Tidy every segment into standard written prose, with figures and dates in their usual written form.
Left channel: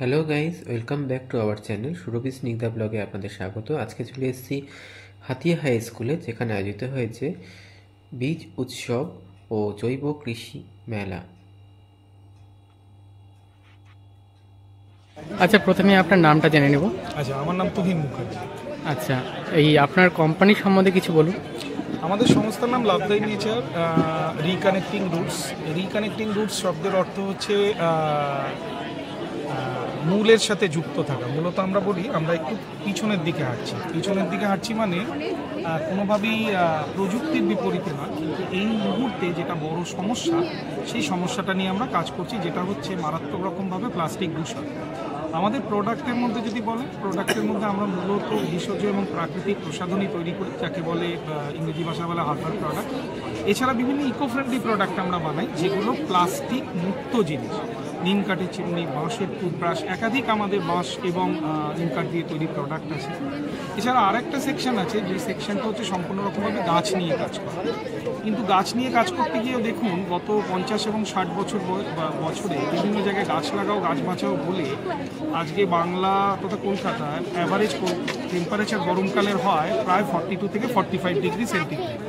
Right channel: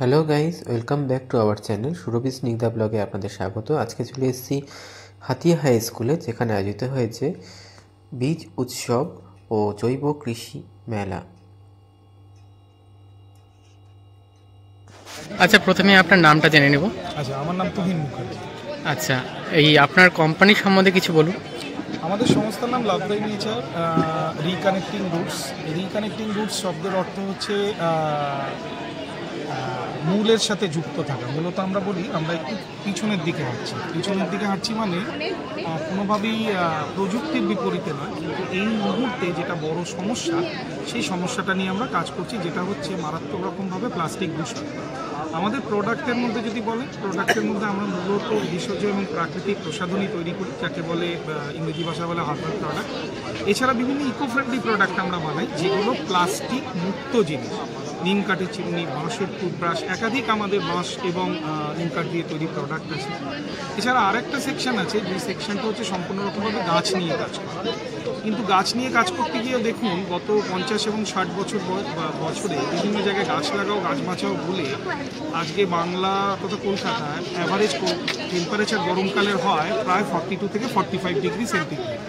Hello guys, welcome back to our channel Surabhi Snigdha ব্লগে আপনাদের স্বাগত। আজকে চলে এসেছি হাতিয়া হাই স্কুলে, যেখানে আয়োজিত হয়েছে বীজ উৎসব ও জৈব কৃষি মেলা। আচ্ছা, প্রথমে আপনার নামটা জেনে নেব। আচ্ছা, আমার নাম তুহিন মুখার্জি। আচ্ছা, এই আপনার কোম্পানি সম্বন্ধে কিছু বলুন। আমাদের সংস্থার নাম লাভদাই nature reconnecting roots. Reconnecting roots শব্দের অর্থ হচ্ছে মূলের সাথে যুক্ত থাকা। মূলত আমরা বলি আমরা একটু পিছনের দিকে হাঁটছি মানে কোনোভাবেই প্রযুক্তির বিপরীতে না, কিন্তু এই মুহূর্তে যেটা বড় সমস্যা সেই সমস্যাটা নিয়ে আমরা কাজ করছি, যেটা হচ্ছে মারাত্মক রকমভাবে প্লাস্টিক দূষণ। আমাদের প্রোডাক্টের মধ্যে যদি বলেন, প্রোডাক্টের মধ্যে আমরা মূলত ভেষজ এবং প্রাকৃতিক প্রসাধনী তৈরি করি, যাকে বলে ইংরেজি ভাষা বলে হার্বাল প্রোডাক্ট। এছাড়া বিভিন্ন ইকো ফ্রেন্ডলি প্রোডাক্ট আমরা বানাই, যেগুলো প্লাস্টিক মুক্ত জিনিস। নিম কাঠের চিমনি, বাঁশের টুথব্রাশ, একাধিক আমাদের বাঁশ এবং নিম কাঠ দিয়ে তৈরি প্রোডাক্ট আছে। এছাড়া আরেকটা সেকশন আছে, যে সেকশনটা হচ্ছে সম্পূর্ণ রকমভাবে গাছ নিয়ে কাজ করা। কিন্তু গাছ নিয়ে কাজ করতে গিয়ে দেখুন, গত 50 এবং 60 বছরে বিভিন্ন জায়গায় গাছ লাগাও গাছ বাঁচাও বলে আজকে বাংলা তথা কলকাতায় অ্যাভারেজ টেম্পারেচার গরমকালের হয় প্রায় 42 থেকে 45 ডিগ্রি সেন্টিগ্রেড।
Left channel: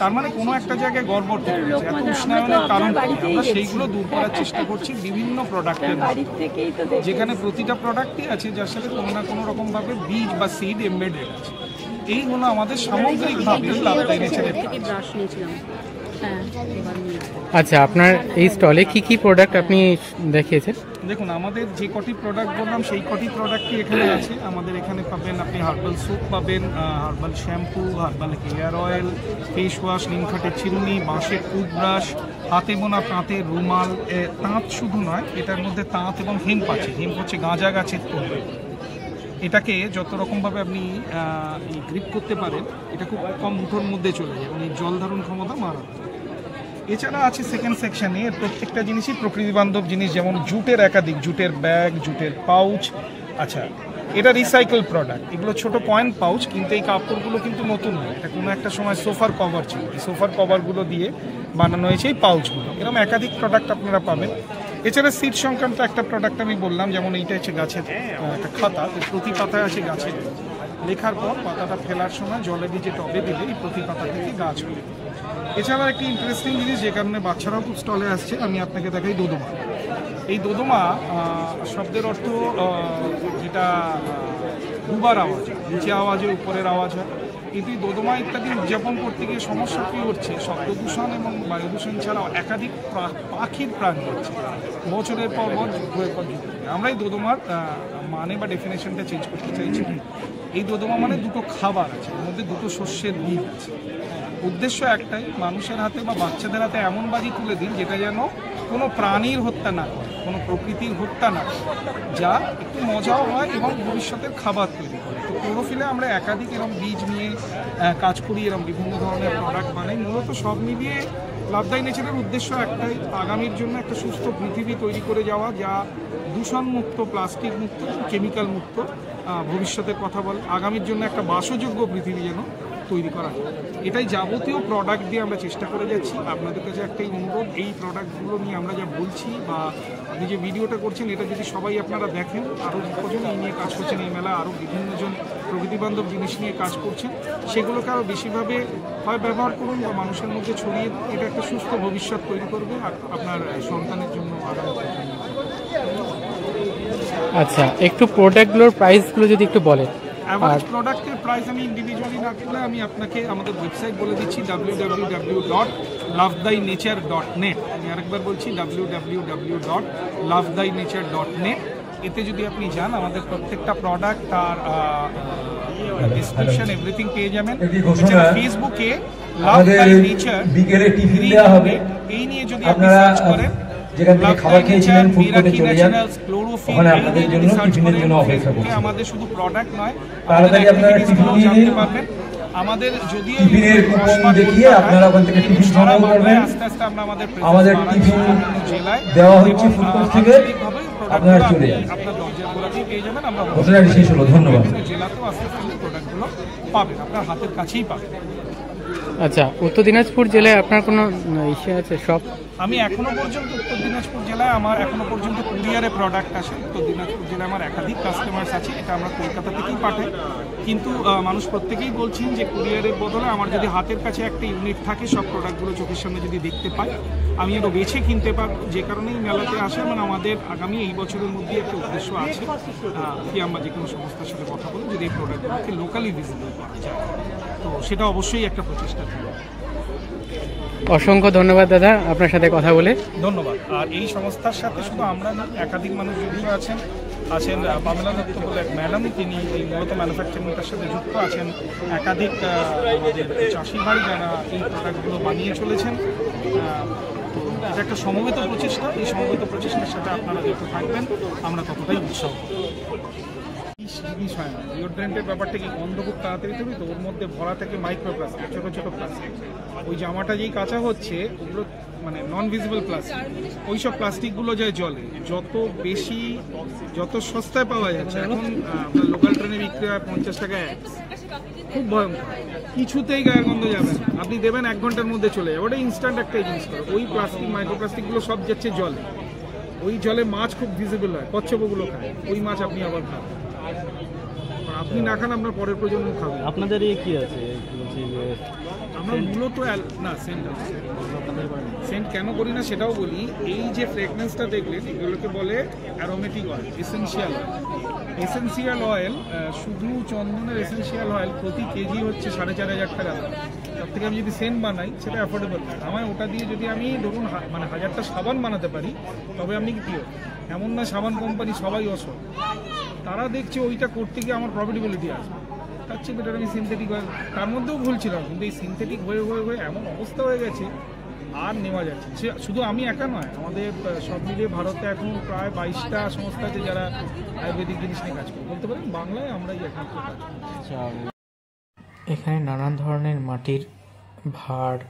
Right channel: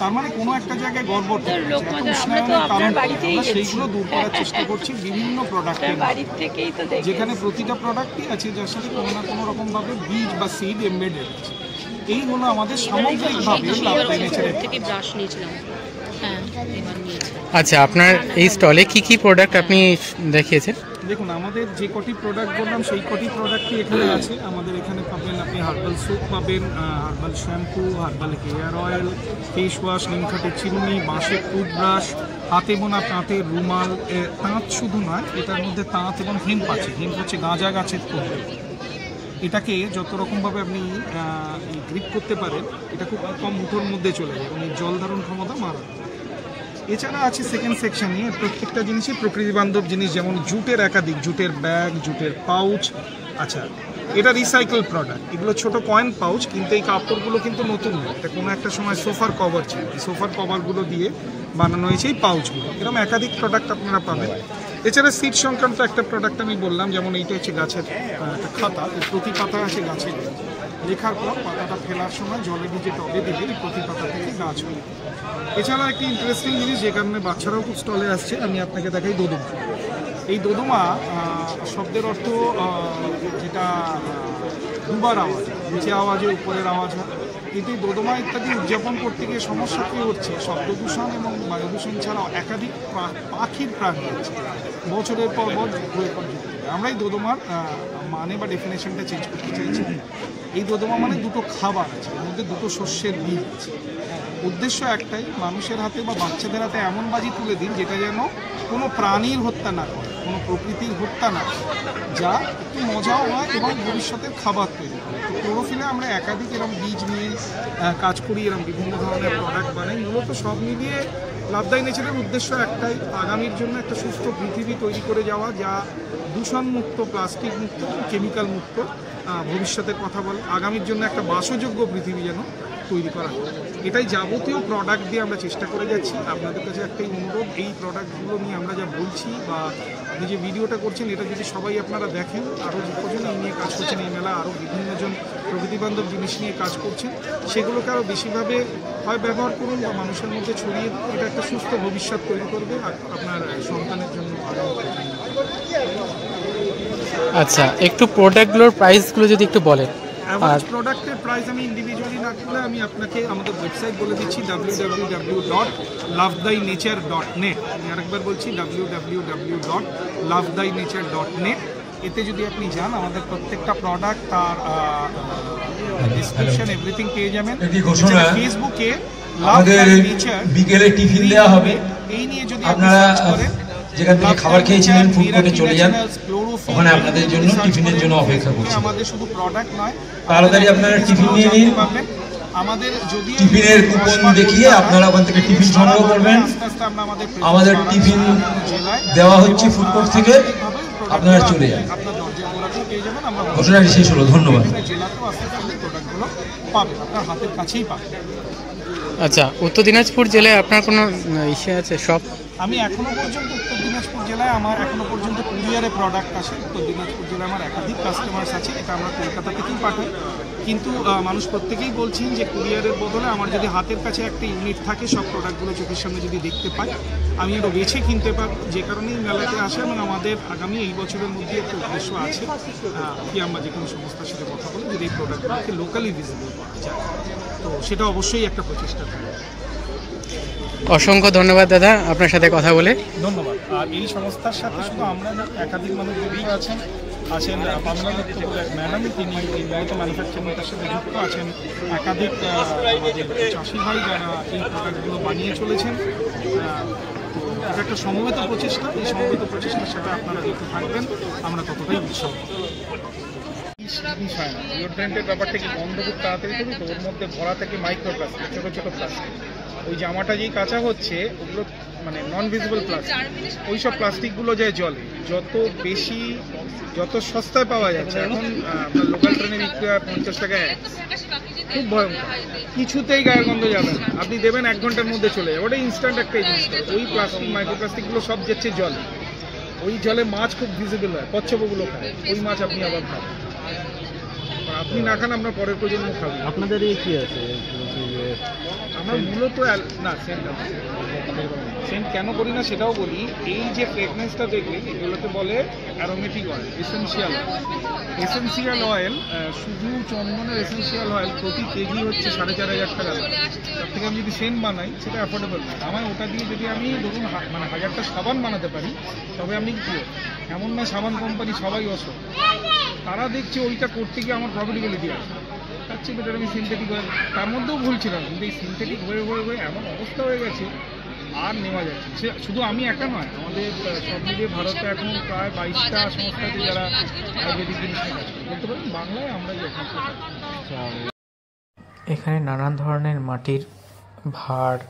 তার মানে কোনো একটা জায়গায় গড়বড় থেকে গেছে। এত উষ্ণায়নের কারণ আমরা সেইগুলো দূর করার চেষ্টা করছি বিভিন্ন প্রোডাক্টের, যেখানে প্রতিটা প্রোডাক্টই আছে যার সাথে কোনো না কোনো রকমভাবে বীজ বা সিড এমবেডেড আছে। এই হলো আমাদের সামগ্রিকভাবে লাভদাই নেচারের। আচ্ছা, আপনার এই স্টলে কি কি প্রোডাক্ট আপনি দেখিয়েছেন? দেখুন, আমাদের যে কটি প্রোডাক্ট বললাম সেই কটি প্রোডাক্টই এখানে আছে। আমাদের এখানে পাবেন আপনি হার্বাল স্যুপ পাবেন, herbal shampoo, herbal hair oil, face wash, নিম কাঠের চিরুনি, বাঁশের টুথব্রাশ, হাতে বোনা তাঁতের রুমাল। তাঁত শুধু নয়, এটার মধ্যে তাঁত এবং হেম্প আছে। হেম্প হচ্ছে গাঁজা গাছের তৈরি। এটাকে যত রকমভাবে আপনি গ্রিপ করতে পারেন, এটা খুব কম মুঠোর মধ্যে চলে যায় এবং এই জল ধারণ ক্ষমতা মারাত্মক। এছাড়া আছে সেকেন্ড সেকশনে প্রত্যেকটা জিনিসই প্রকৃতি বান্ধব জিনিস, যেমন জুটের একাধিক, জুটের ব্যাগ, জুটের পাউচ। আচ্ছা, এটা রিসাইকেল প্রোডাক্ট, এগুলো ছোট কয়েন পাউচ, কিন্তু এই কাপড়গুলো কিন্তু নতুন নয়। এটা কোনো একটা সময় সোফার কভার ছিল, এই সোফার কভারগুলো দিয়ে বানানো হয়েছে এই পাউচগুলো। এরকম একাধিক প্রোডাক্ট আপনারা পাবেন। এছাড়া সিড সংক্রান্ত একটা প্রোডাক্ট আমি বললাম, যেমন এইটা হচ্ছে গাছের একটা খাতা, প্রতি পাতায় আসে গাছের লেখার পর পাতাটা ফেলার সময় জলে ভিজে টবে দিলে এই প্রতি পাতা থেকে গাছ হয়। এছাড়া একটি ইন্টারেস্টিং জিনিস, যে কারণে বাচ্চারাও খুব স্টলে আসছে, আমি আপনাকে দেখাই দোদুমা। এই দোদুমা শব্দের অর্থ যেটা দুবার আওয়াজ, নিচে আওয়াজে উপরের আওয়াজ হয়। কিন্তু এই দোদমা ইত্যাদি উদযাপন করতে গিয়ে সমস্যা কী হচ্ছে, শব্দ দূষণ এবং বায়ু দূষণ ছাড়াও একাধিক পাখির প্রাণ হচ্ছে বছরের পর বছর। আমরা এই দোদমার মানে বা ডেফিনেশনটা চেঞ্জ করতে চাইছি। এই দোদমা মানে দুটো খাবার আছে, এর মধ্যে দুটো শস্যের বীজ আছে। উদ্দেশ্য একটাই, মানুষের হাতে বা বাচ্চাদের হাতে এমন বাজি তুলে দিন যেটা যেন কোনো প্রাণীর হত্যা না করে, কোনো প্রকৃতির হত্যা না করে, যা একটু মজাও হয় এবং ভবিষ্যতের খাবার তৈরি করে। তো ক্লোরোফিলে আমরা একাধিক এরকম বীজ নিয়ে কাজ করি, এরকম বিভিন্ন ধরনের প্রোডাক্ট বানাই। মূলত সব মিলিয়ে লাভদাই নেচারের উদ্দেশ্য একটাই, আগামীর জন্য একটা সুস্থ পৃথিবী তৈরি করে যাওয়া, যা দূষণ মুক্ত, প্লাস্টিক মুক্ত, কেমিক্যাল মুক্ত ভবিষ্যতের কথা বলে। আগামীর জন্য একটা বাসযোগ্য পৃথিবী যেন তৈরি করা যায়, এটাই যাবতীয় প্রোডাক্ট দিয়ে আমরা চেষ্টা করে যাচ্ছি। আপনাদের কাছে একটাই অনুরোধ, এই প্রোডাক্টগুলো নিয়ে আমরা যা বলছি বা আপনি যে ভিডিওটা করছেন, এটা যদি সবাই আপনারা দেখেন, আরও কজন এই নিয়ে কাজ করছেন, এই মেলা আরও বিভিন্নজন প্রকৃতিবান্ধব জিনিস নিয়ে কাজ করছেন, সেগুলোকে আরও বেশিভাবে হয় ব্যবহার করুন বা মানুষের মধ্যে ছড়িয়ে দিন। এটা একটা সুস্থ ভবিষ্যৎ তৈরি করবে আপনার সন্তানের জন্য, আগামী প্রজন্মের জন্য। আচ্ছা, একটু প্রোডাক্টগুলোর প্রাইসগুলো যদি একটু বলেন। অ্যাভারেজ প্রোডাক্টের প্রাইস আমি ইন্ডিভিজুয়ালি না করলে আমি আপনাকে আমাদের ওয়েবসাইট বলে দিচ্ছি, www.lovedainature.net। আমি আরেকবার বলছি, www.lovedainature.net। এতে যদি আপনি যান, আমাদের প্রত্যেকটা প্রোডাক্ট, তার ডিসক্রিপশন, এভরিথিং পেয়ে যাবেন। ফেসবুকে লাভদাই নেচার বিকেলে টিফিন দেওয়া হবে, এই নিয়ে যদি আপনি সার্চ করেন, যেখান থেকে খাবার খেয়েছিলেন ফুড কোর্টে চলে যান, ওখানে আপনাদের জন্য টিফিনের জন্য অপেক্ষা করছে। আমাদের শুধু প্রোডাক্ট নয়, তাড়াতাড়ি আপনারা টিফিন নিয়ে নিন। আমাদের যদি টিফিনের কুপন দেখিয়ে আপনারা ওখান থেকে টিফিন সংগ্রহ করবেন। আমাদের টিফিন দেওয়া হচ্ছে ফুড কোর্ট থেকে, আপনারা চলে যান। আপনার দরজার গোড়াতেই পেয়ে যাবেন। আমরা ঘটনাটি শেষ হলো, ধন্যবাদ। জেলাতেও আস্তে আস্তে প্রোডাক্টগুলো পাবেন, আপনার হাতের কাছেই পাবেন। আচ্ছা, উত্তর দিনাজপুর জেলায় আপনার কোনো ইসে আছে, শপ? আমি এখনো পর্যন্ত উত্তর দিনাজপুর জেলায় আমার এখনো পর্যন্ত কুরিয়ারে প্রোডাক্ট আসে। উত্তর দিনাজপুর জেলায় আমার একাধিক কাস্টমার্স আছে, এটা আমরা কলকাতা থেকেই পাঠাই। কিন্তু মানুষ প্রত্যেকেই বলছেন যে কুরিয়ারের বদলে আমার যদি হাতের কাছে একটা ইউনিট থাকে, সব প্রোডাক্টগুলো চোখের সামনে যদি দেখতে পাই, আমি আরও বেছে কিনতে পারবো। যে কারণেই মেলাতে আসে এবং আমাদের আগামী এই বছরের মধ্যে একটা উদ্দেশ্য আছে কি আমরা যে কোনো সংস্থার সাথে কথা বলে যদি এই প্রোডাক্টগুলোকে লোকালি ভিজিবল করা যায়, তো সেটা অবশ্যই একটা প্রচেষ্টা থাকবে। অসংখ্য ধন্যবাদ দাদা আপনার সাথে কথা বলে। ধন্যবাদ। আর এই সংস্থার সাথে শুধু আমরা নয়, একাধিক মানুষ জড়িত আছেন। পামেলা দত্ত বলে এক ম্যাডাম, তিনি এই মূলত ম্যানুফ্যাকচারিংটার সাথে যুক্ত আছেন। একাধিক আমাদের চাষি ভাই যারা এই প্রোডাক্টগুলো বানিয়ে চলেছেন। তো এটা একটা সমবেত প্রচেষ্টা। এই সমবেত প্রচেষ্টার সাথে আপনারা যত থাকবেন আমরা ততটাই উৎসাহ পাবো। জিনিস হয় না, ডিওড্রেন্টের ব্যাপারটা কি গন্ধ খুব তাড়াতাড়ি তৈরি, তো ওর মধ্যে ভরা থেকে মাইক্রোপ্লাস্টিক, ছোটো ছোটো প্লাস্টিক। ওই জামাটা যেই কাঁচা হচ্ছে ওগুলো মানে নন ভিজিবল প্লাস্টিক। ওই সব প্লাস্টিকগুলো যায় জলে, যত সস্তায় পাওয়া যাচ্ছে। এখন আপনার লোকাল ট্রেনে বিক্রি হয় 50 টাকায় এক, খুব ভয়ঙ্কর। কিছুতেই গায়ের গন্ধ যাবে না, আপনি দেবেন 1 ঘন্টার মধ্যে চলে যাবে। ওটা ইনস্ট্যান্ট একটা জিনিস করে। ওই প্লাস্টিক মাইক্রোপ্লাস্টিকগুলো সব যাচ্ছে জলে। ওই জলে মাছ খুব ভিজিবল হয়, কচ্ছপগুলো খায়। ওই মাছ আপনি আবার খাবেন, আপনি না খান আপনার পরের প্রজন্ম খাবে। আপনাদের কি আছে? আমরা মূলত না সেন্ট কেন করি না সেটাও বলি। এই যে ফ্রেগনেন্সটা দেখলেন, এগুলোকে বলে অ্যারোমেটিক অয়েল, এসেন্সিয়াল অয়েল। শুধু চন্দনের এসেন্সিয়াল অয়েল প্রতি কেজি হচ্ছে 4,500 টাকা। তার থেকে আমি যদি সেন্ট বানাই সেটা অ্যাফোর্ডেবল না। আমায় ওটা দিয়ে যদি আমি ধরুন মানে 1000টা সাবান বানাতে পারি, তবে আপনি কি এমন না সাবান কোম্পানি সবাই অসৎ, তারা দেখছে ওইটা করতে গিয়ে আমার প্রফিটেবিলিটি আছে, তার চেয়ে বেটার আমি সিনথেটিক অয়েল। তার মধ্যেও ভুল ছিল, কিন্তু এই সিনথেটিক হয়ে এমন অবস্থা হয়ে গেছে আর নেওয়া যাচ্ছে। সে শুধু আমি একা নয়, আমাদের সব মিলিয়ে ভারতে এখন প্রায় 22টা সংস্থা আছে যারা আয়ুর্বেদিক জিনিস নিয়ে কাজ করে। বলতে পারেন বাংলায় আমরাই এখন। এখানে নানান ধরনের মাটির ভাঁড়,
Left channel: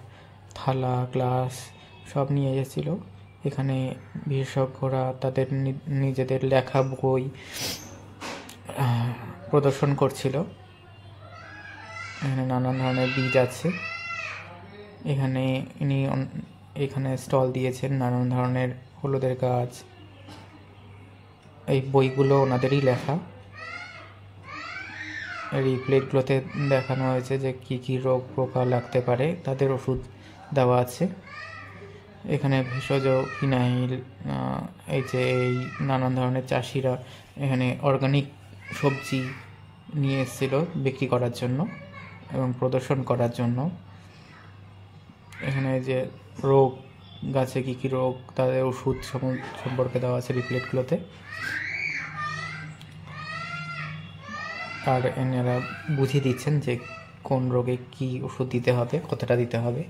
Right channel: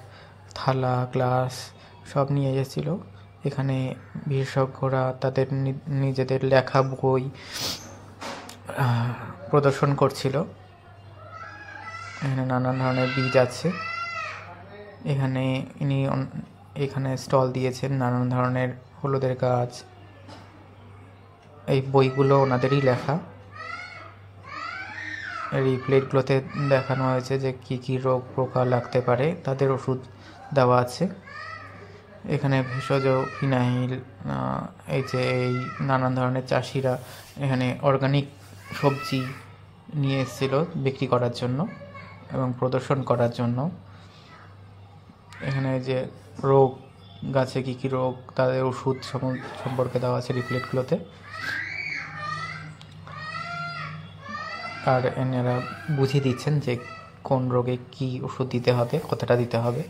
থালা, গ্লাস সব নিয়ে এসেছিল। এখানে বিশেষজ্ঞরা তাদের নিজেদের লেখা বই প্রদর্শন করছিল। এখানে নানান ধরনের বীজ আছে। এখানে স্টল দিয়েছেন নানান ধরনের হলুদের গাছ। এই বইগুলো ওনাদেরই লেখা। এই প্লেটগুলোতে দেখানো হয়েছে যে কি কি রোগ পোকা লাগতে পারে, তাদের ওষুধ দেওয়া আছে। এখানে ভেষজ ফিনাইল, এই নানান ধরনের চাষিরা এখানে অর্গানিক সবজি নিয়ে এসেছিল বিক্রি করার জন্য এবং প্রদর্শন করার জন্য। এখানে যে রোগ গাছে কী কী রোগ, তাদের ওষুধ সম্পর্কে দেওয়া আছে রিপ্লেটগুলোতে। আর এনারা বুঝিয়ে দিচ্ছেন যে কোন রোগে কি ওষুধ দিতে হবে, কতটা দিতে হবে।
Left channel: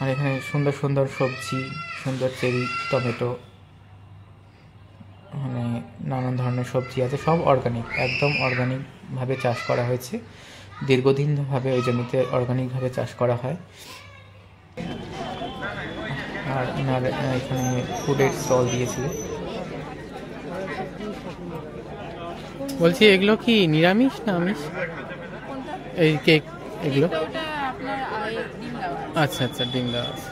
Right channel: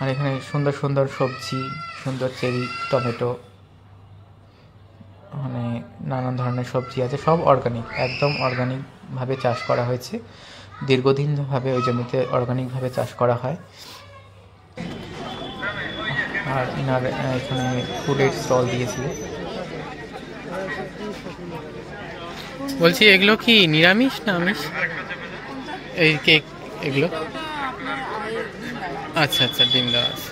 আর এখানে সুন্দর সুন্দর সবজি, সুন্দর চেরি, টমেটো, মানে নানান ধরনের সবজি আছে, সব অর্গানিক, একদম অর্গানিকভাবে চাষ করা হয়েছে। দীর্ঘদিনভাবে ওই জমিতে অর্গানিকভাবে চাষ করা হয়। আর এনার এখানে ফুডের স্টল দিয়েছিলেন। বলছি এগুলো কি নিরামিষ না আমিষ? এই কেক এগুলো? আচ্ছা আচ্ছা, ডিম দেওয়া আছে।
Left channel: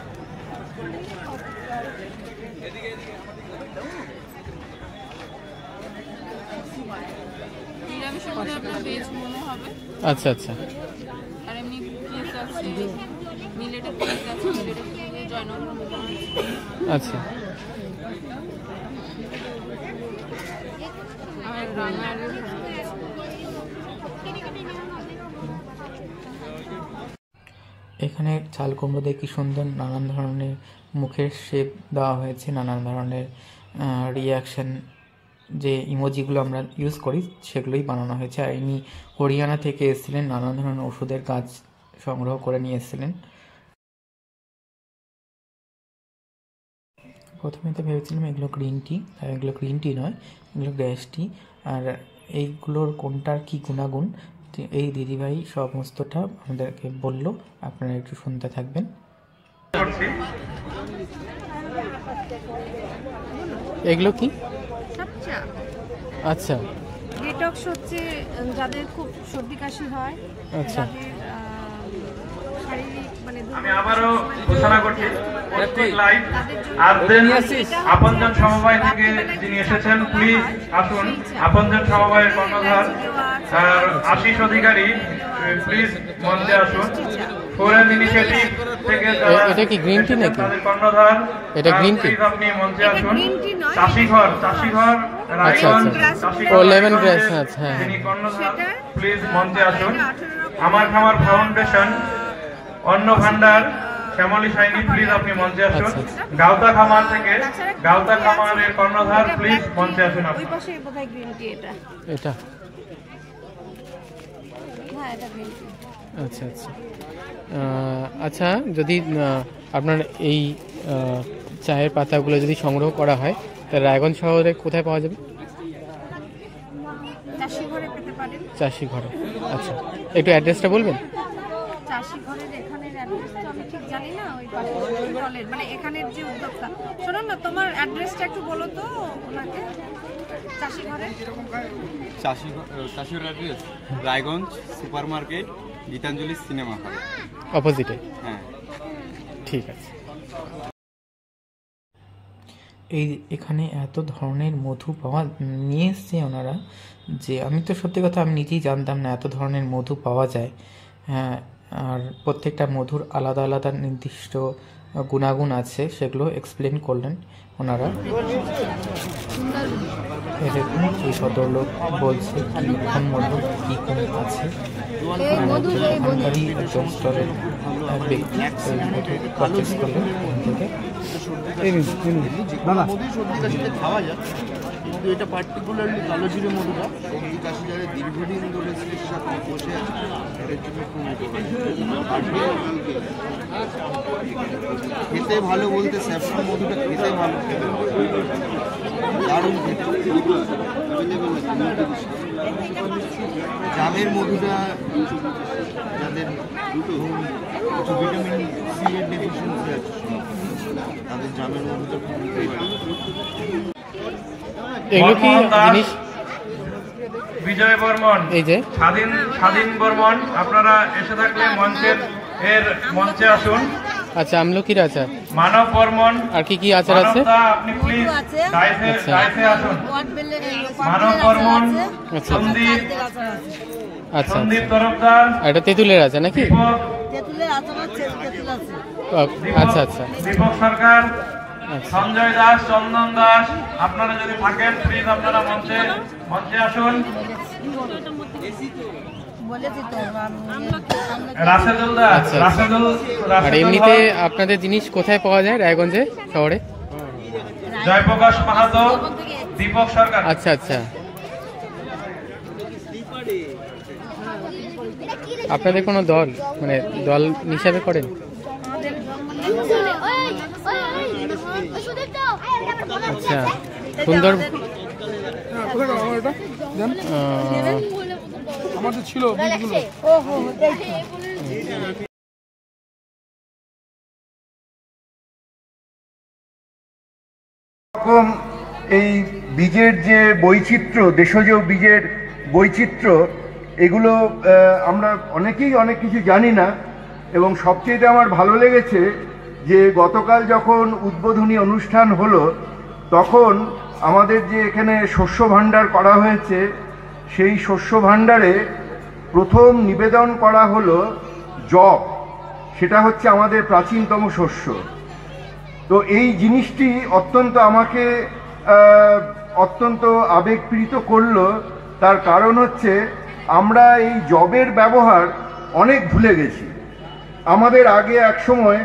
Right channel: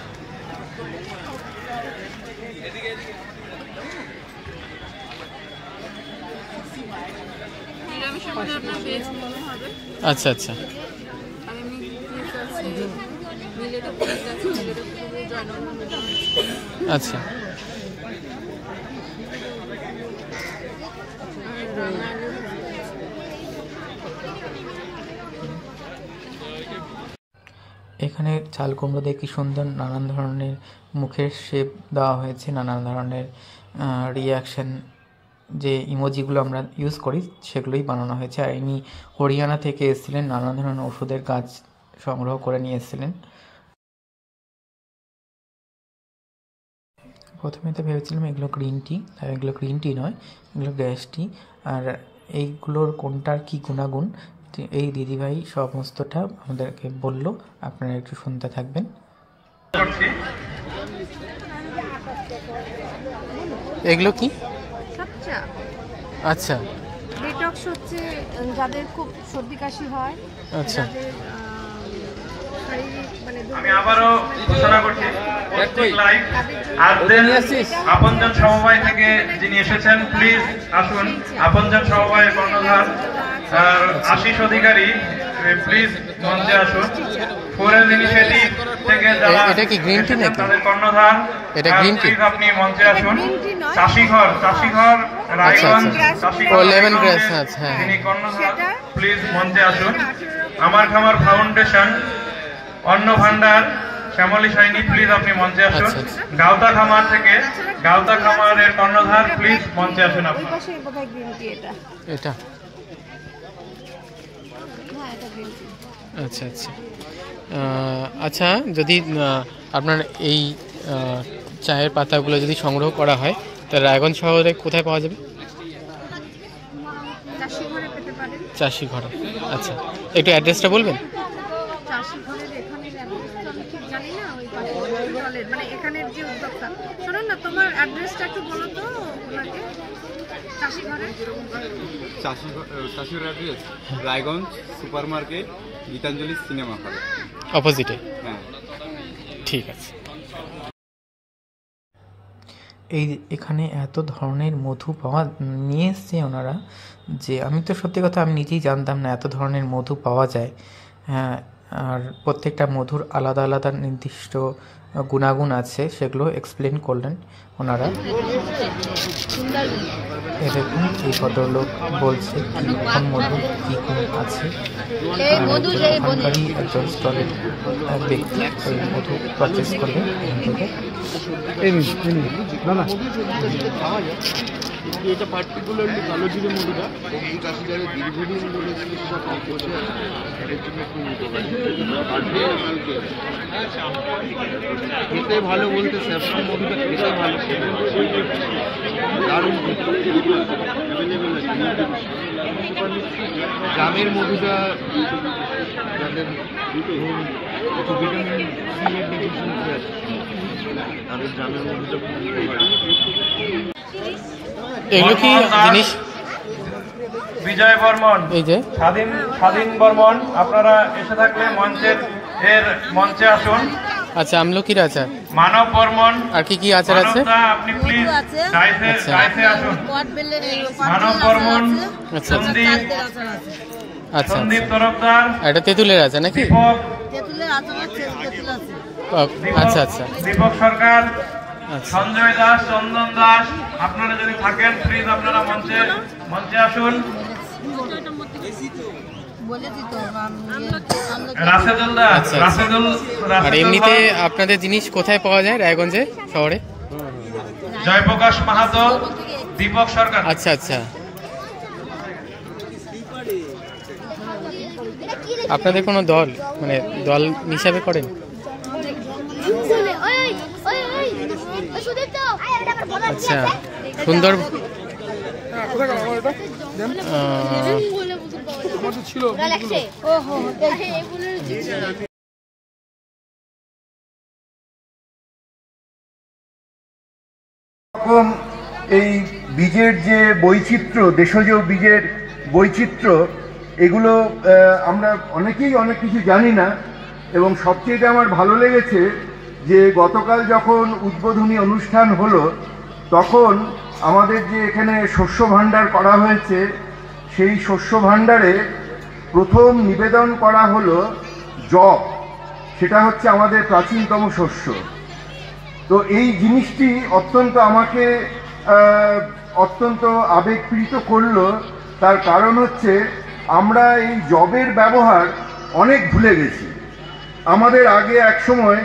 আচ্ছা আচ্ছা, আচ্ছা। এখানে চাল কুমড়ো দিয়ে কি সুন্দর নানান ধরনের মুখের শেপ দেওয়া হয়েছে, নানান ধরনের রিয়াকশন, যে ইমোজিগুলো আমরা ইউজ করি সেগুলোই বানানো হয়েছে। আর ইনি হরিয়ানা থেকে এসেছিলেন, নানান ধরনের ওষুধের গাছ সংগ্রহ করে নিয়ে এসেছিলেন। প্রথমে তো ভেবেছিলাম এগুলো গ্রিন টি, এগুলো গ্রিন টি নয়, এগুলো গ্যাস টি। আর এইগুলোর কোনটার কি গুণাগুণ এই দিদিভাই সমস্তটা আমাদেরকে বলল, আপনারা একটু শুনতে থাকবেন। এগুলো কি? আচ্ছা, ডিটক্স হচ্ছে যাদের খুব সর্দি কাশি হয়, আচ্ছা, যাদের শারীরিক মানে আমি আবারও ঘোষণা করছি প্রত্যেক লাইভ আরদেন আপনজন সমবায় থেকে যিনি এসেছেন প্লিজ আসুন। আপনজন সমবায়ের কর্ণধার আশিস অধিকারী প্লিজ মঞ্চে আসুন। ফোরাল ইনিশিয়েটিভ থেকে যারা এটা কি গ্রিন টি নাকি তাদের কর্ণধার এটা গ্রিন টি আপনি মঞ্চে আসুন। চাষিঘর রায়গঞ্জ ও লেমন গ্রাস আচ্ছা হ্যাঁ তিনি কর্ণধার প্লিজ মঞ্চে আসুন। আমার খামার ফাউন্ডেশন অন্ন ভান্ডার শ্যামলী সাইনি প্লিজ আপনি মঞ্চে আসুন। গাওতা খামার থেকে গাওতা খামারের কর্ণধার প্লিজ মঞ্চে আসুন। আপনি এটা আচ্ছা আচ্ছা আচ্ছা যদি আপনার এই চায়ের পাতাগুলো যদি সংগ্রহ করা হয় তাহলে রায়গঞ্জ শহরে কোথায় পাওয়া যাবে? চাষি ঘরে। আচ্ছা একটু অ্যাড্রেসটা বলবেন? মানে এখানের যে উদ্যোক্তা, শোনো না তোমার অ্যাড্রেসটা একটু বলো তো ওনাকে। Chashighar address Raiganj super market Gitanjali cinema hall অপোজিটে। হ্যাঁ ঠিক আছে। এখানে এত ধরনের মধু নিয়ে এসছে ওনারা যে আমি তো সত্যি কথা আমি নিজেই জানতাম না এত ধরনের মধু পাওয়া যায়। হ্যাঁ, আর প্রত্যেকটা মধুর আলাদা আলাদা নির্দিষ্ট গুণাগুণ আছে, সেগুলো এক্সপ্লেন করলেন ওনারা। এই দেখুন এই ভদ্রলোক বলছে কোন মধু কী গুণ আছে, আর ওখানকারই একজন স্টলের ব্যক্তি এই মধু পারচেস করলেন এখান থেকে। এটা পার্টিকুলারলি কালো জিরে মধুটা সবজি চাষিদের দীর্ঘদিন ধরে চিকিৎসা কম বসে আছে এর জন্য খুব উপকারী। খেতে ভালো বলতে স্যাফরন মধুটা খেতে ভালো, দারুণ জামের মধুটা যাদের কিছু ভিটামিন সি এর ডেফিসিয়েন্সি আছে তাদের জামের মধুটা খুব উপকারী। এগুলো কি জিনিস? বিজয় বর্মন, এই যে স্বাধীন বর্মন, আপনারা এসে থাকলে মঞ্চে আসুন। আচ্ছা আমলকির আচার, মানব বর্মন, আর কি কি আচার আছে? আপনি প্লিজ ডাইসে আসুন। মানব বর্মন, আচ্ছা আচ্ছা সন্দীপ তরফদার, এটা তেঁতুলের আছে নাকি? আচ্ছা আচ্ছা দীপক সরকার, সঞ্জয় দাস, চন্দন দাস, আপনারা যদি থাকেন প্লিজ আপনারা মঞ্চে আসুন। রাশেদুল দাস, আর এমনিতে আপনাদের জিনিস কোথায় পাওয়া যায় রায়গঞ্জে শহরে? জয়প্রকাশ মাহাতো, দীপক সরকার। আচ্ছা আচ্ছা, আপনাদের কোনো দল মানে দল হিসাবে করেন? আচ্ছা সুন্দর। এই বীজের যে বৈচিত্র্য, দেশজ বীজের বৈচিত্র্য, এগুলো আমরা অনেকেই অনেক কিছু জানি না। এবং সবচেয়ে আমার ভালো লেগেছে যে গতকাল যখন উদ্বোধনী অনুষ্ঠান হলো তখন আমাদের যে এখানে শস্য ভাণ্ডার করা হয়েছে, সেই শস্য ভাণ্ডারে প্রথম নিবেদন করা হলো জব। সেটা হচ্ছে আমাদের প্রাচীনতম শস্য। তো এই জিনিসটি আমাকে অত্যন্ত আবেগপ্রীত করলো। তার কারণ হচ্ছে আমরা এই জবের ব্যবহার অনেক ভুলে গেছি। আমাদের আগে এক সময়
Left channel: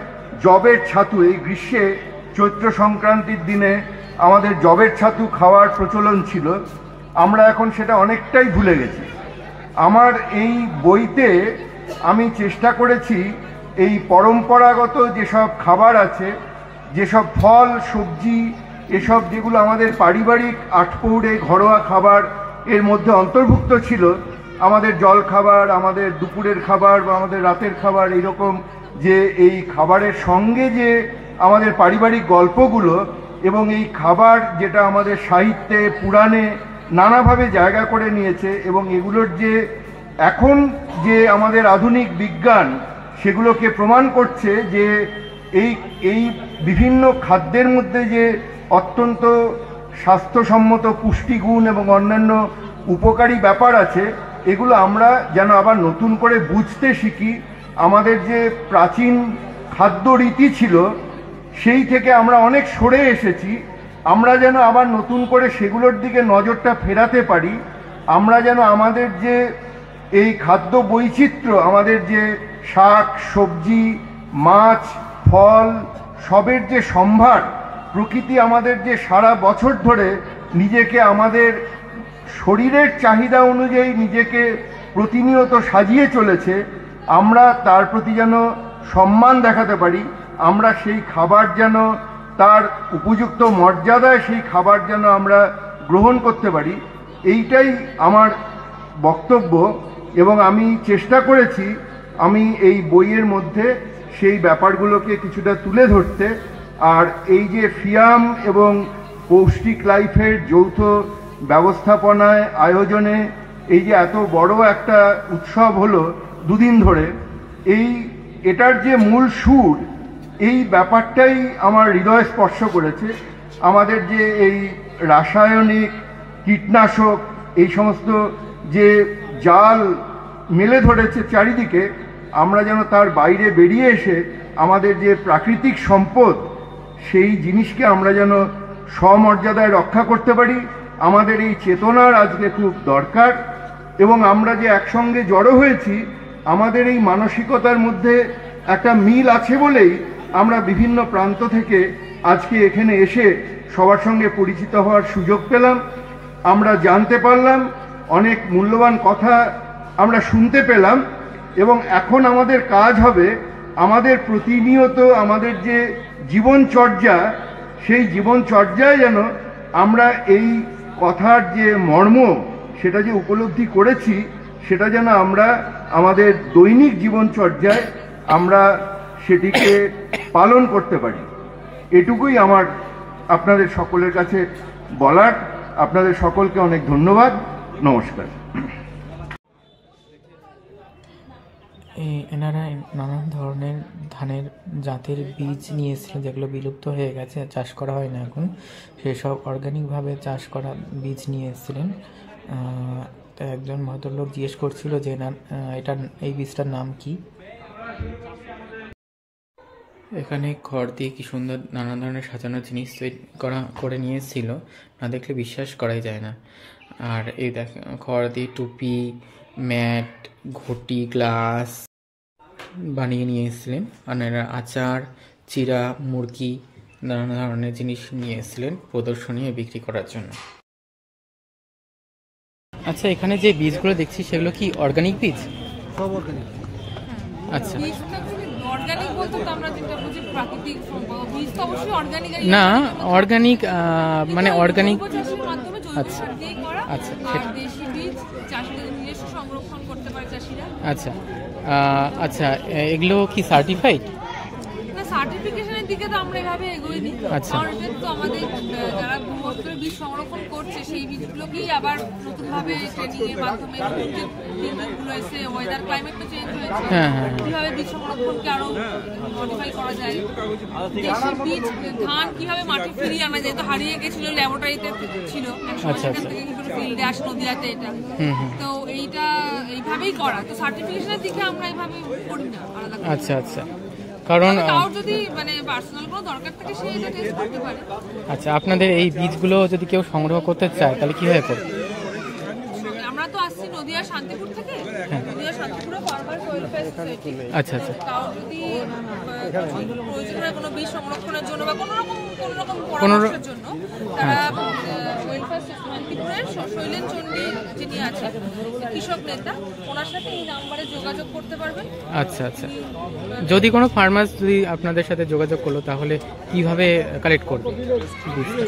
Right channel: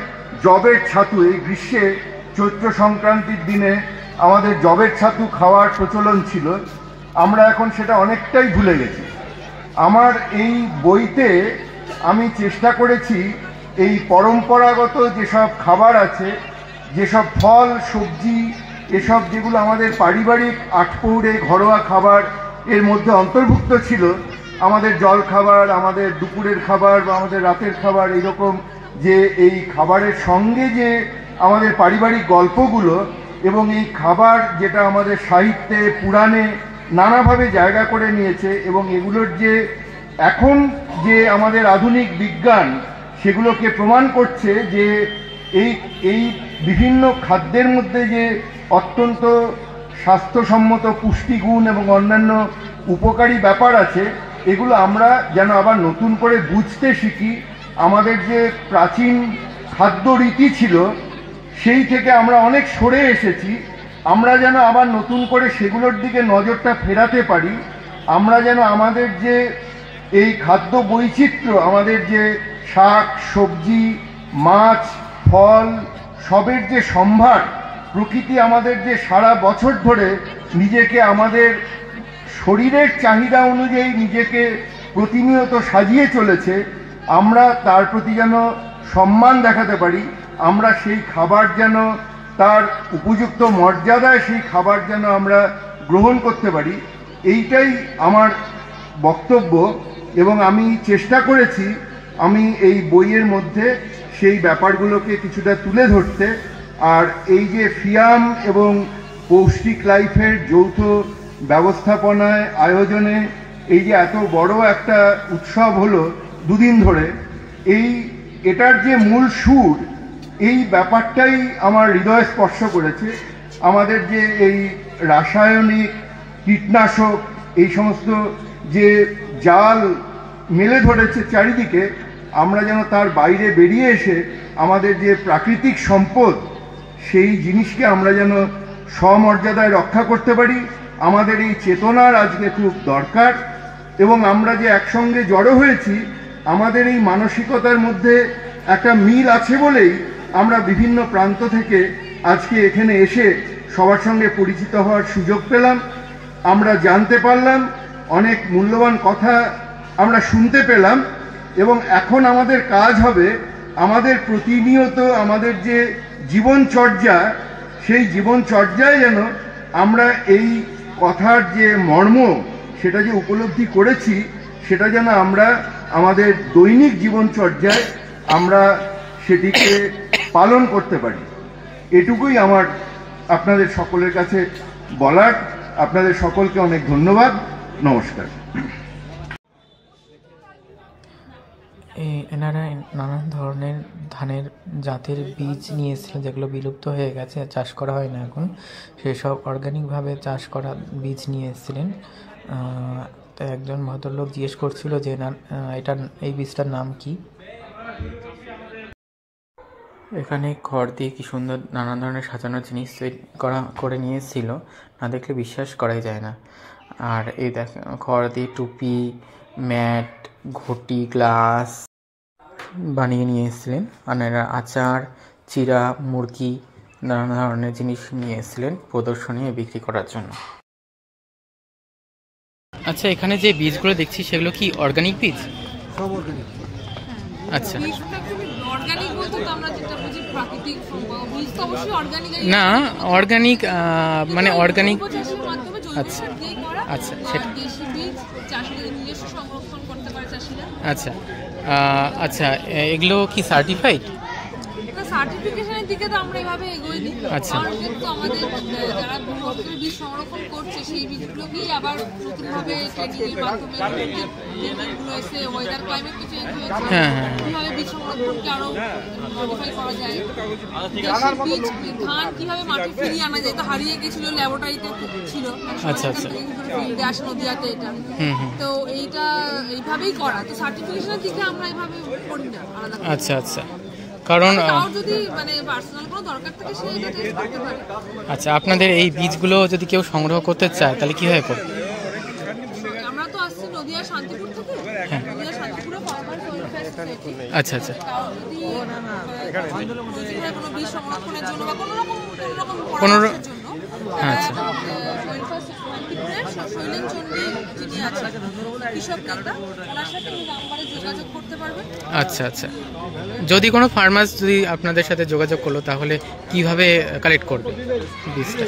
জবের ছাতু, এই গ্রীষ্মে চৈত্র সংক্রান্তির দিনে আমাদের জবের ছাতু খাওয়ার প্রচলন ছিল, আমরা এখন সেটা অনেকটাই ভুলে গেছি। আমার এই বইতে আমি চেষ্টা করেছি এই পরম্পরাগত যেসব খাবার আছে, যেসব ফল সবজি, এসব যেগুলো আমাদের পারিবারিক আটপৌরে ঘরোয়া খাবার এর মধ্যে অন্তর্ভুক্ত ছিল, আমাদের জল খাবার, আমাদের দুপুরের খাবার বা আমাদের রাতের খাবার, এইরকম যে এই খাবারের সঙ্গে যে আমাদের পারিবারিক গল্পগুলো এবং এই খাবার যেটা আমাদের সাহিত্যে পুরাণে নানাভাবে জায়গা করে নিয়েছে, এবং এগুলোর যে এখন যে আমাদের আধুনিক বিজ্ঞান সেগুলোকে প্রমাণ করছে যে এই বিভিন্ন খাদ্যের মধ্যে যে অত্যন্ত স্বাস্থ্যসম্মত পুষ্টিগুণ এবং অন্যান্য উপকারী ব্যাপার আছে, এগুলো আমরা যেন আবার নতুন করে বুঝতে শিখি। আমাদের যে প্রাচীন খাদ্য রীতি ছিল সেই থেকে আমরা অনেক সরে এসেছি, আমরা যেন আবার নতুন করে সেগুলোর দিকে নজরটা ফেরাতে পারি। আমরা যেন আমাদের যে এই খাদ্য বৈচিত্র্য, আমাদের যে শাক সবজি মাছ ফল সবের যে সম্ভার, প্রকৃতি আমাদের যে সারা বছর ধরে নিজেকে আমাদের শরীরের চাহিদা অনুযায়ী নিজেকে প্রতিনিয়ত সাজিয়ে চলেছে, আমরা তার প্রতি যেন সম্মান দেখাতে পারি। আমরা সেই খাবার যেন তার উপযুক্ত মর্যাদায় সেই খাবার যেন আমরা গ্রহণ করতে পারি, এইটাই আমার বক্তব্য। এবং আমি চেষ্টা করেছি আমি এই বইয়ের মধ্যে সেই ব্যাপারগুলোকে কিছুটা তুলে ধরতে। আর এই যে ফিয়াম এবং পৌষ্টিক লাইফের যৌথ ব্যবস্থাপনায় আয়োজনে এই যে এত বড় একটা উৎসব হলো দুদিন ধরে, এটার যে মূল সুর, এই ব্যাপারটাই আমার হৃদয় স্পর্শ করেছে। আমাদের যে এই রাসায়নিক কীটনাশক এই সমস্ত যে জাল মেলে ধরেছে চারিদিকে, আমরা যেন তার বাইরে বেরিয়ে এসে আমাদের যে প্রাকৃতিক সম্পদ সেই জিনিসকে আমরা যেন সমর্যাদায় রক্ষা করতে পারি। আমাদের এই চেতনার আজকে খুব দরকার। এবং আমরা যে একসঙ্গে জড়ো হয়েছি, আমাদের এই মানসিকতার মধ্যে একটা মিল আছে বলেই আমরা বিভিন্ন প্রান্ত থেকে আজকে এখানে এসে সবার সঙ্গে পরিচিত হওয়ার সুযোগ পেলাম। আমরা জানতে পারলাম, অনেক মূল্যবান কথা আমরা শুনতে পেলাম। এবং এখন আমাদের কাজ হবে আমাদের প্রতিনিয়ত আমাদের যে জীবনচর্যা, সেই জীবনচর্যায় যেন আমরা এই কথার যে মর্ম সেটা যে উপলব্ধি করেছি, সেটা যেন আমরা আমাদের দৈনিক জীবনচর্যায় আমরা সেটিকে পালন করতে পারি। এটুকুই আমার আপনাদের সকলের কাছে বলার। আপনাদের সকলকে অনেক ধন্যবাদ। নমস্কার। এনারা নানান ধরনের ধানের জাতের বীজ নিয়ে এসেছিলেন, যেগুলো বিলুপ্ত হয়ে গেছে, চাষ করা হয় না এখন। সেসব অর্গানিকভাবে চাষ করা বীজ নিয়ে এসেছিলেন। তাই একজন ভদ্রলোক জিজ্ঞেস করছিল যে এই বীজটার নাম কি। এখানে খড় দিয়ে কি সুন্দর নানান ধরনের সাজানো জিনিস করে নিয়ে এসেছিল, না দেখলে বিশ্বাস করাই যায় না। আর এই দেখ, খড় দিয়ে টুপি, ম্যাট, ঘটি, গ্লাস বানিয়ে নিয়ে এসেছিলেন। আর এরা আচার, চিরা, মুরগি, নানান ধরনের জিনিস নিয়ে এসেছিলেন প্রদর্শনী বিক্রি করার জন্য। আচ্ছা, এখানে যে বীজগুলো দেখছি সেগুলো কি অর্গানিক বীজ? আচ্ছা, না অর্গানিক মানে অর্গানিক। আচ্ছা আচ্ছা, আচ্ছা আচ্ছা, এগুলো কি সার্টিফাইড? সার্টিফিকেশনের দিকে তো আমরা এভাবে এগোইনি। আচ্ছা, কারণ এটা তো আমাদের যারা ভূগর্ভস্থ বীজ সংরক্ষণ করছে সেই বীজগুলোকেই আবার নতুনভাবে ট্রেনিং এর মাধ্যমে গুলো এসে ওয়েদার ক্লাইমেট তো চেঞ্জ হয়েছে, কিভাবে বীজ সংরক্ষণকে আরো মডিফাই করা যায়, দেশি বীজ ধান কিভাবে মাটি ফিরিয়ে আনা যায়, তো হারিয়ে গেছিল, ল্যাবরেটরিতে ছিল। আচ্ছা আচ্ছা, ফিল্ডে আসে নদীয়াতে এটা, তো এইটা এইভাবেই করা। তো সার্টিফিকেশনের দিকে আমরা এইভাবে করি না আলাদা। আচ্ছা আচ্ছা, কারণ যদি মানে পার্সোনাল কোনো দরকার থাকে সেই এটা টেস্ট করতে পারে। আচ্ছা, আপনাদের এই বীজগুলো যদি কেউ সংগ্রহ করতে চায় তাহলে কিভাবে করবে? আমরা তো আসছি নদিয়া শান্তিপুর থেকে, নদিয়া শান্তিপুরে ফার্মার্স ওয়েলফেয়ার সোসাইটি। আচ্ছা আচ্ছা, তাও যদি প্রয়োজন হয় কোনো বীজ সংরক্ষণের জন্য বা কোনো রকম পরামর্শের জন্য, ওয়েলফেয়ার শান্তিপুরের শৈলেন চণ্ডী যিনি আছেন কৃষক নেতা, ওনার সাথে এই নাম্বারে যোগাযোগ করতে পারবেন। আচ্ছা আচ্ছা, যদি কোনো ফার্মার্স যদি আপনাদের সাথে যোগাযোগ করলো তাহলে কিভাবে কালেক্ট করবে বীজটা?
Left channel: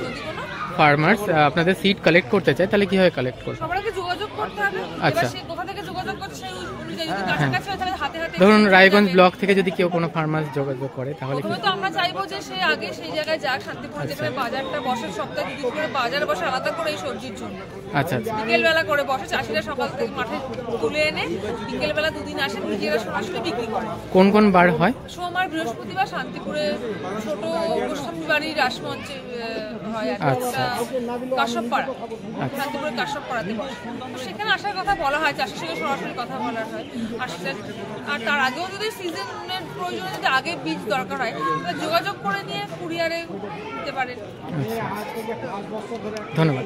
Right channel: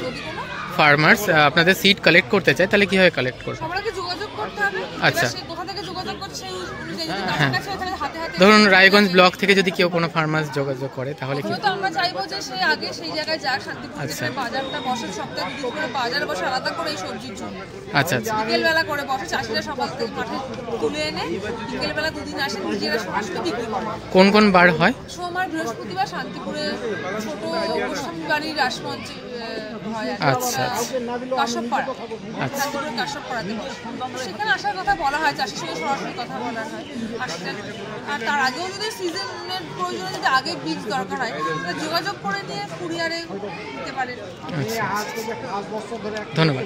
ফার্মার্স আপনাদের সিড কালেক্ট করতে চায় তাহলে কিভাবে কালেক্ট করবে? সবার আগে যোগাযোগ করতে হবে। আচ্ছা, কোথা থেকে থেকে যোগাযোগ করছে সেই অনুযায়ী যদি কাছাকাছি হয় তাহলে হাতে হাতে। ধরুন রায়গঞ্জ ব্লক থেকে যদি কেউ কোনো ফার্মার্স যোগাযোগ করে তাহলে কি? তো আমরা চাইবো যে সে আগে সেই জায়গায় যাক, শান্তিপুর যেখানে বাজারটা বসে, সপ্তাহে 2 দিন করে বাজার বসে আলাদা করে এই সবজির জন্য। আচ্ছা আচ্ছা। বিকেলবেলা করে বসে, চাষিরা সকাল থেকে মাঠে তুলে এনে বিকেলবেলা 2 দিন আসে, নিজেরা সরাসরি বিক্রি করে। কোন কোন বার হয়? সোমবার, বৃহস্পতিবার শান্তিপুরে ছোট গোস্বামী বাড়ির রাসমঞ্চে হয়। আচ্ছা কাশ্যপপাড়া, শান্তিপুরের কাশ্যপপাড়াতে বসে। সেখানে আসার কথা বলা হয়, চাষির সঙ্গে সরাসরি কথা বলা হয়। আর তার আগেও যদি সিজনের প্রয়োজনে যদি আগে বীজ দরকার হয় তাহলে যোগাযোগ করে নিয়ে কুরিয়ারে দিতে পারেন। আচ্ছা, ধন্যবাদ।